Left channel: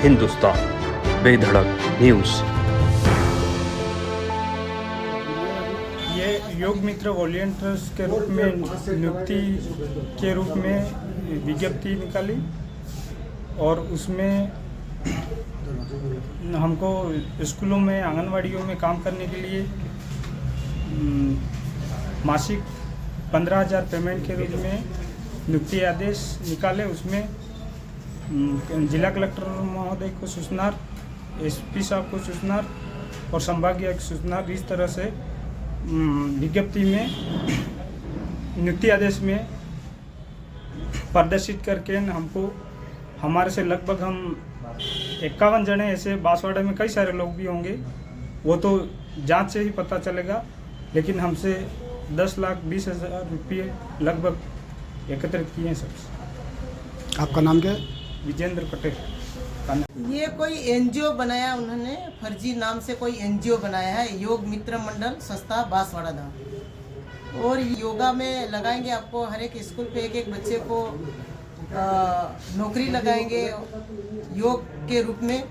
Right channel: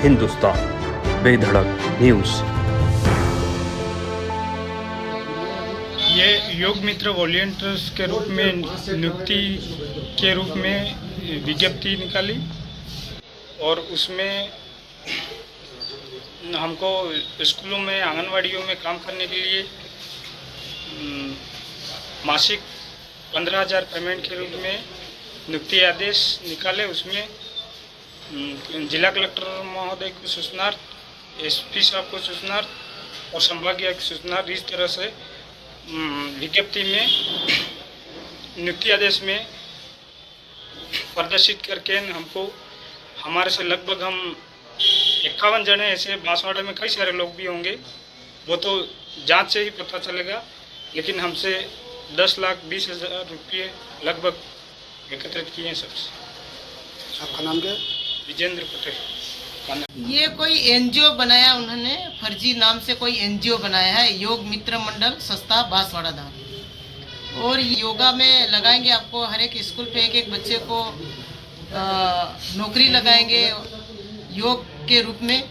हिंदुस्तान बेधड़क न्यूज़। ये योग मित्र वॉलंटियर्स के रूप में नियुक्ति के रूप में विज्ञप्ति निकाली और उसमें हमको स्कूलों में आंगनवाड़ियों में काम करने के लिए मासिक 15,000 पेमेंट के रूप में नियुक्ति आदेश निकाले। उसमें जिला कलेक्टर महोदय को सूचनार्थ, एसपी साहब को सूचनार्थ और संभागीय आयुक्त सूचनार्थ, इस तरह से विज्ञप्ति में नियुक्ति आदेश में प्रदर्शित करके हमको हमारे से लगभग हम 51 जने ऐसे बांसवाड़ा में कई सारे लोग भी होंगे, वो तो जांच से ही पता चलेगा, लेकिन हमसे 10,20,000 रुपये लगभग एकत्रित किए हैं सबसे। आपका नाम क्या है? विजेंद्र पटेल। ये कोई एनजीओ बनाया, उन्होंने फर्जी नाम से कोई एनजीओ बनाया है, योग मित्र मंडल संस्था बांसवाड़ा धाम। और योगा में लगाएंगे आपको हर एक स्कूल पे एक बच्चे को नौकरी लगाएंगे योग के रूप में,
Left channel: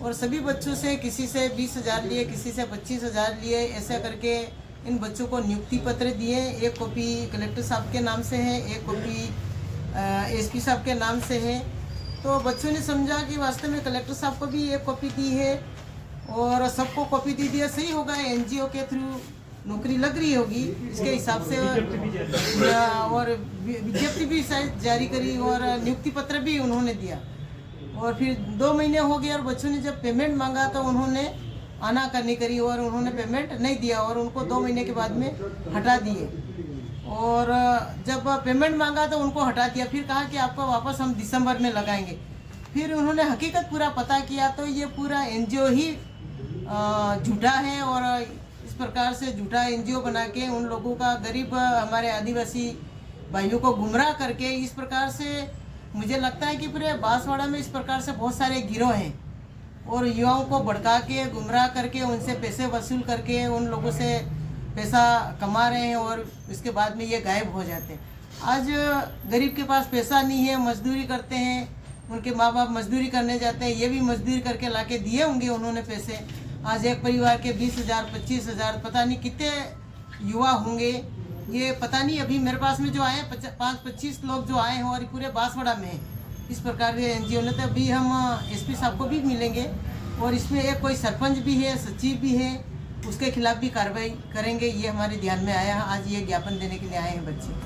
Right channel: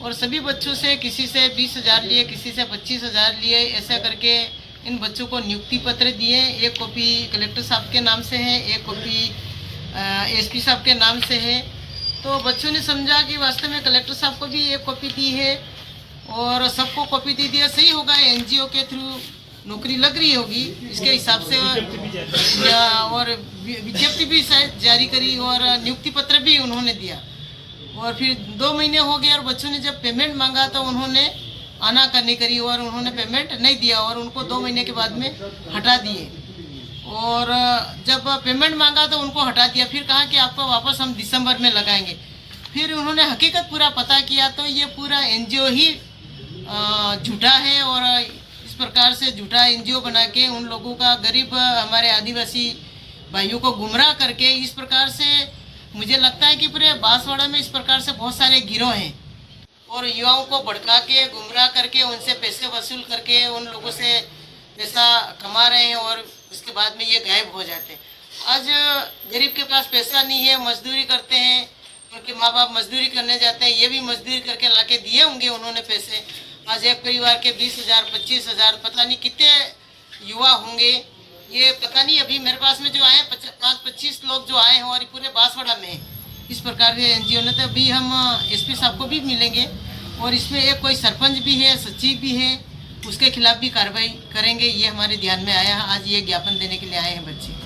और सभी बच्चों से किसी से 20,000 लिए, किसी से 25,000 लिए, ऐसा करके इन बच्चों को नियुक्ति पत्र दिए। एक कॉपी कलेक्टर साहब के नाम से है, एक कॉपी एसपी साहब के नाम से है। तो बच्चों ने समझा कि वास्तव में कलेक्टर साहब को भी एक कॉपी दी है और सबको कॉपी दी है, सही होगा, एनजीओ के थ्रू नौकरी लग रही होगी इसके हिसाब से। और विज्ञप्ति भी शायद जारी करी और नियुक्ति पत्र भी उन्होंने दिया। और फिर 2 महीने हो गए और बच्चों ने जब पेमेंट मांगा तो उन्होंने आनाकानी करी और उन्होंने पेमेंट नहीं दिया और उनको 2 महीने के बाद में हटा दिए। और जब पेमेंट मांगा तो उनको हटा दिया, फिर कहा कि आपको वापस हम दिसंबर में लगाएंगे। फिर उन्होंने हकीकत पूरा पता किया तो ये पूरा एनजीओ ही झूठा है और इस प्रकार से झूठा एनजीओ बना के उन लोगों का, गरीब हमारे आदिवासी भाइयों को गुमराह करके, इस प्रकार से मुझे लगता है कि पूरे बांसवाड़ा में इस प्रकार से बहुत सारे गिरोह हैं और युवाओं को भड़का के, गुमराह करके, उनसे पैसे वसूल करके उन लोगों से पैसा कमा रहे हैं और इसके बाद में ये गायब हो जाते हैं। आज गरीब के पास पैसा नहीं है, मजदूरी करते हैं, उनके माँ बाप मजदूरी करने जाते हैं, ये भी मजदूरी करके लाके दिए होंगे उन्होंने पैसे। आज एक परिवार के 20,000 25,000 पता नहीं कितने युवा होंगे, ये पता नहीं। अभी मेरे पास में जो आए 25 लोग जो आए हैं और पूरे बांसवाड़ा में इस प्रकार के एनजीओ ने। तो अभी हम एसपी साहब को भी मिलेंगे और इसमें एक कोई सरपंच भी है, सचिव भी है, उसके खिलाफ भी कार्रवाई करेंगे। ये हमारे ध्यान में आया है, आज ये ज्ञापन देने के लिए आए हैं बच्चे।